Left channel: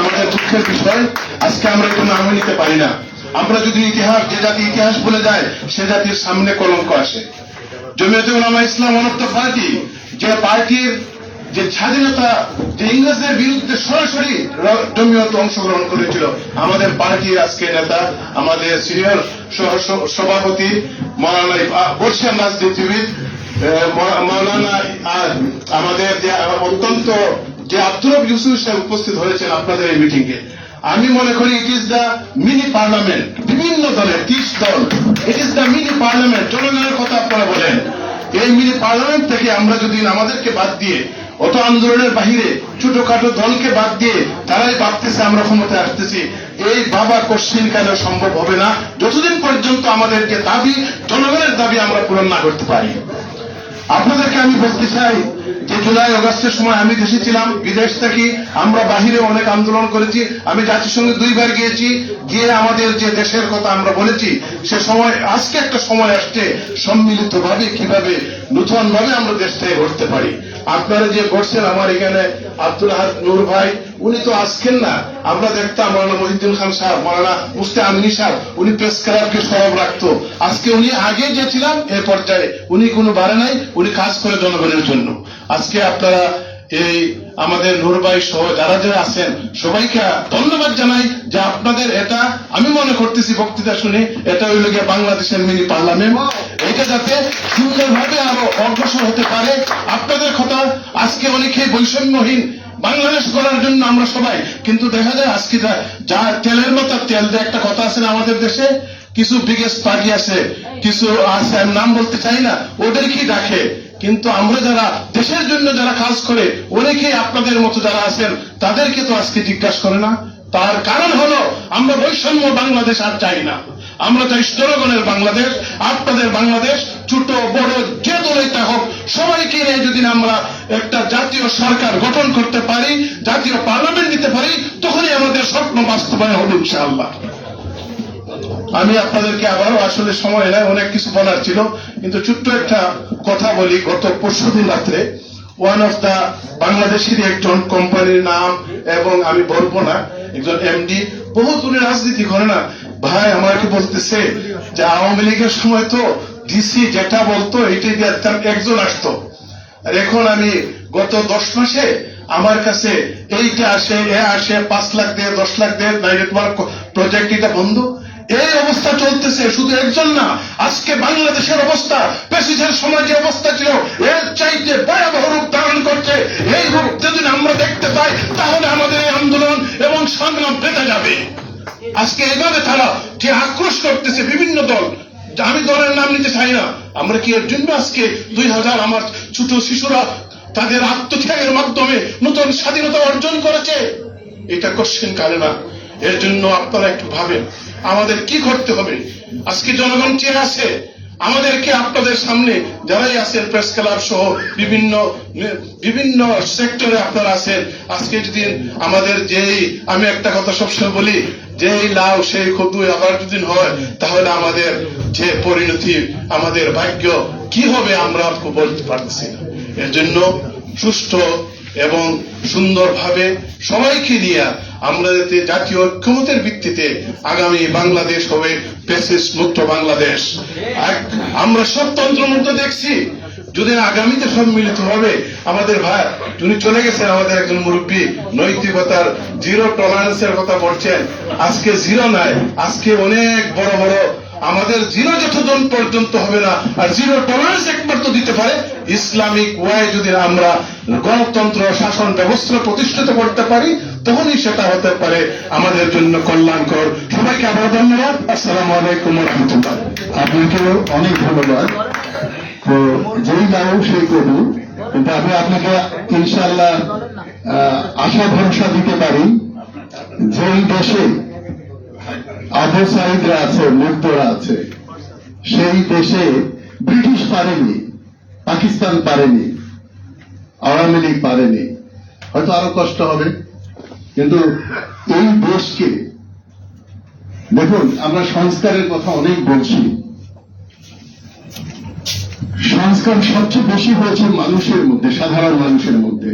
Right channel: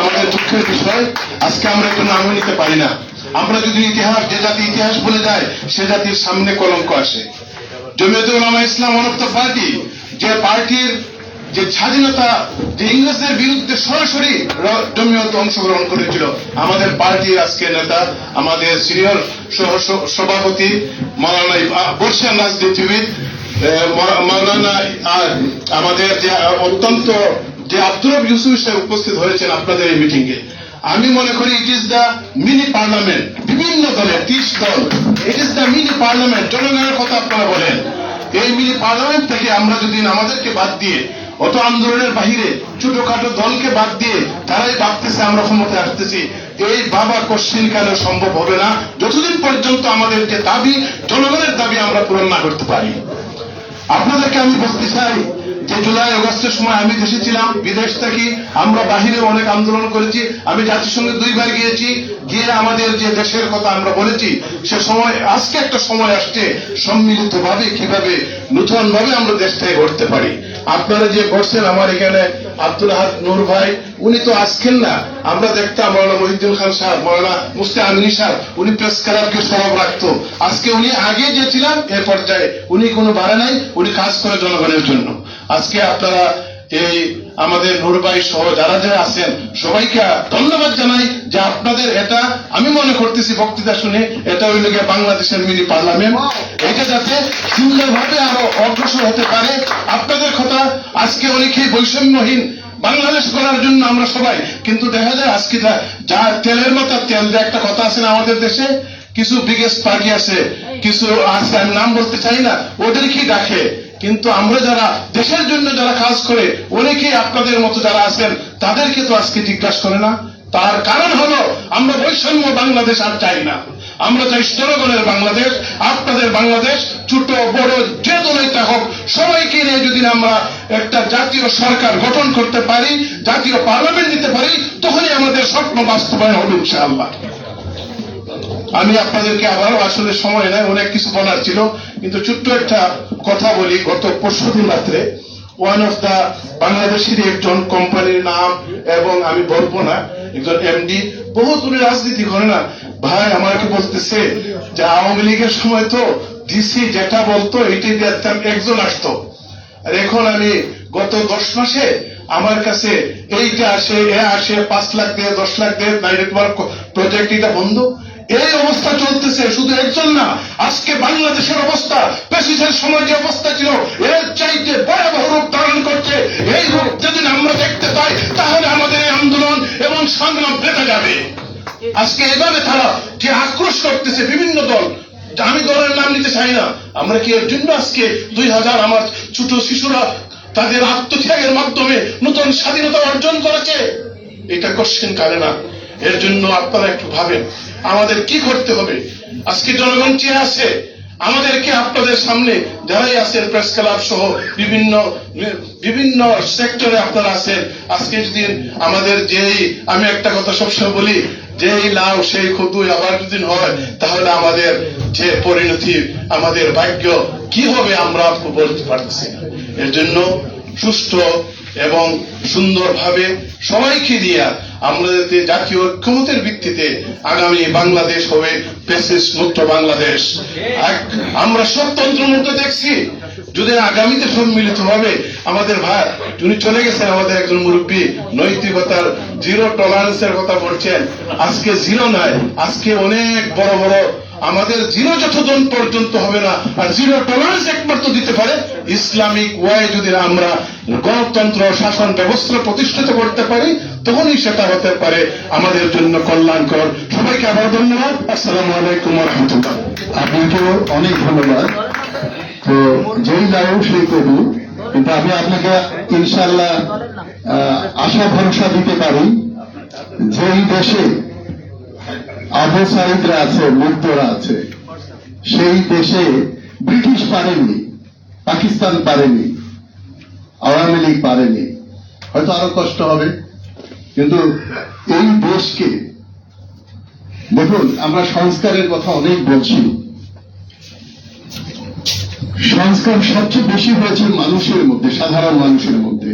আমাদের দুঃখের বিষয় আজকে আমরা কোনো নাম নিতে পারি না। আমরা যদি ইতিহাস, যে জাতি ইতিহাস বলে যায় সে জাতির সামনে কলঙ্ক আসে। জমিয়তে উলামা ইসলাম ওয়ান অফ দ্য পার্টি, যে পার্টির যে স্বাধীনতা, যে ইংরেজদের বিরুদ্ধে সরাসরি জমিয়ত অংশগ্রহণ করেছিল, আমাদের পার্টির আজকে নেতা, আমাদের সিনিয়র সভাপতি মৌলানা বর্ষার রাজনীতিবিদ মৌলানা, আর আমাদের যে অত্যন্ত যে আব্দুর রব ইউসুফ সাহেব উপস্থিত হয়েছেন আপনাদের এই মিটিং এ, আমি মনে করি it is the mini parliament. বিভিন্ন দলের 30 দল, it is the mini parliament. জনগণের কথা আপনারা বলেন। এই মিনি পার্লামেন্ট থেকে আমরা যদি আমাদেরকে বাদ দিয়ে, অত আন্দোলনের বাহিরে ছোটখাটো দলকে বাদ দিয়ে তারাই ভাবতেছে আমরা ক্ষমতায় আসতেছি, এই দাবা কোশ্চিন কেন সম্ভব হবে না যতদিন পর্যন্ত আমাদের যে দাবি, জনগণের দাবি আমরা পূরণ না করতে পারি। আপনাদেরকে আমি বলতে চাই যে জুলাই আগস্টের সময় আমি দেশে ছিলাম, বিদেশ থেকে আমরা বাহিরে অনেক আন্দোলন করেছি। আমি জাতিসংঘে 2 বার গিয়েছি, গিয়ে আমাদের যে দেশের কথা আমরা বলেছি, সে সময় আজকে একটা সময় আসছে সম্মিলিতভাবে কিভাবে নতুন ভাবে আমরা দেশটাকে গড়তে পারি। আপনারা যে করছেন, আমার এখানে আব্দুল আহাদ নূর ভাই, উনি তো আজকের না, আমরা দেখতাম মৌলানা মহিউদ্দিন খান সাহেব, মৌলানা মুফতি আমিনী সাহেব, উনি প্রেস ক্লাবকে সরব রাখতো। আজকে উনি আগে যে ছিলেন এর পর্যায়ে উনি কোনো বাড়ে নাই, উনি কাজ করে জনগণের জন্য। আজকে আপনারা এই আমাদের নূর ভাই সহ যারা যারা আছেন সবাইকে ধন্যবাদ জানাই যে আপনাদের এটা, আমি মনে করতেছি বক্তৃতা শুনে, এটা হইল গিয়ে বাংলাদেশের মিনি পার্লামেন্ট। এটা যাতে সুন্দরভাবে আরো অগ্রসর হতে পারে। আপনাদের কথা আজকে অনেকেই বৈষম্যহীন বাংলাদেশ করার জন্য আমরা সবাই, কিন্তু দেখা যায় আজকে যা তেলের মতো তেল দিয়ে একটা কথা আছে না আমাদের দেশে, কিছু বিগেস্ট পার্টি আছে, কিছু আছে, আমি নাম বলতে চাই না, ওদেরকেই ডাকে। কিন্তু আমরা যারা দেশের জন্য যারা কাজ করে, অনেকেই আপনাদের মতো যারা আছেন তাদেরকে তো আজকে জিজ্ঞাসা করে না। তার কারণ হলো আমরা বৈষম্য বাংলাদেশ আর চাই না। আমরা চাই জনগণের বাংলাদেশ, আপনাদের বাংলাদেশ। ছোট বড় যে দলই হোক, সবাইকে নিয়ে যদি আমরা একটা জাতীয় সরকার গঠন করতে পারি, জাতীয় পার্লামেন্ট দিতে পারি, তখনই আমাদের স্বপ্ন বাস্তবায়ন হবে ইনশাআল্লাহ। আমি আপনাদেরকে আবারও, আসলে সময় নাই, অনেক কিছু বলার ছিল, কিন্তু ছোট্ট একটা কথা বলি। গত পরশুদিন রাত্রে ওয়ান অফ দ্য বাংলাদেশের একজন কোম্পানির নাম, এবং আমি বলবো না, একজন এমডি, বহুত উনি রাজনীতি করে না ভাই, আমাকে বলতেছে যে আওয়ামী লীগের সময় তো ডিসি যেটা বলতো এটাই দেখতাম, একজন আসতো। আর এখন আমি গত 10 মাসে আমার কাছে এইটা আসে, এ আসে, 5 লাখ দিয়ে 10 লাখ দিয়ে, নাইলে তোমার প্রজেক্ট এটা বন্ধ। এই অবস্থা চলতেছে। শুধু একজন না, আজকে বাংলাদেশের অবস্থা প্যাসিজের সময় যে অবস্থা ছিল এর চাইতে ভয়াবহ রূপ ধারণ করছে। এই রূপ যদি আমরা দেখতে পাই তাহলে আমাদের এই আন্দোলন এবং সংগ্রাম বেড়ে যাবে। আজকে এভাবে তারা যে আক্রোশ করতেছে বিভিন্ন দল, আমি দলের নাম নিতে চাই না, আমরা কি এর জন্য আজকে 2000 আমার ছোট শিশুরা তাদের আত্মত্যাগের মাধ্যমে নতুন স্বাধীনতা অর্জন করেছে? এটা কোশ্চেন করে না। এর জন্য আপনারা একটু ভাবেন আমাদের কি করতে হবে। আজকে জনগণ চেয়ে আছে আমাদেরকে, আপনাদের সামনে যারাই আছেন প্রেস ক্লাব সহ বিভিন্ন সেক্টরে আপনারা আছেন। আজকে যদি আমাদের যেই, আমি একটা কথা সবসময় বলি, যেই লাউ সেই কদু আবার যদি হয়, তাহলে আমাদের যে পরিণতি, আমাদের ভাগ্য কি হবে আমরা বলতে পারছি না। এর জন্য সুষ্ঠু এবং সুন্দরভাবে সবাইকে নিয়ে আমরা যাতে জাতীয় ঐক্যমতের ভিত্তিতে আগামী বাংলাদেশ হবে ফ্যাসিস্ট মুক্ত বাংলাদেশ। আমরা স্বতন্ত্র মধ্যে দেখছি, যদি আগামীতে সম্মিলিত হবে, আমাদের ভাই উনি চলে গেছেন, আমাদের একজন মুরব্বী, নৈতিকতার জিরো টলারেন্সের কথা বলছেন। আজকে জিরো নাই, আজকে অনেক বড় বড় আমাদের জিরো যতজন পর্যন্ত হবে না, আর জিরো টলারেন্স একমাত্র দিতে পারে ইসলামিক ওয়াই। যদি আমরা গণতন্ত্র শাসন ব্যবস্থা প্রতিষ্ঠিত করতে পারি, তখনই সেটা হতে পারে আমাদের জন্য কল্যাণকর। সবাইকে আবার ধন্যবাদ। আসসালামু আলাইকুম ওয়া রাহমাতুল্লাহ। আপনাকেও অনেক ধন্যবাদ। তো যেই লাউ সেই কদু, কিন্তু আমি আপনাকে ইনশাআল্লাহ আশা ভরসা দিতে পারি, যেই দেশে আবু সাইদরা আছে, মুগ্ধরা আছে, সেই দেশে ব্রিটিশ পারেনি, পাকিস্তান পারেনি, আওয়ামী লীগ পারেনি, হয়তো আরো কষ্ট হবে, কিন্তু এই দেশকে দেখুন। আমরা সংস্কারের কথা অনেক বলছি, সংস্কার সবচেয়ে বেশি হয়েছে মানুষের মধ্যে, সাধারণ মানুষের মধ্যে।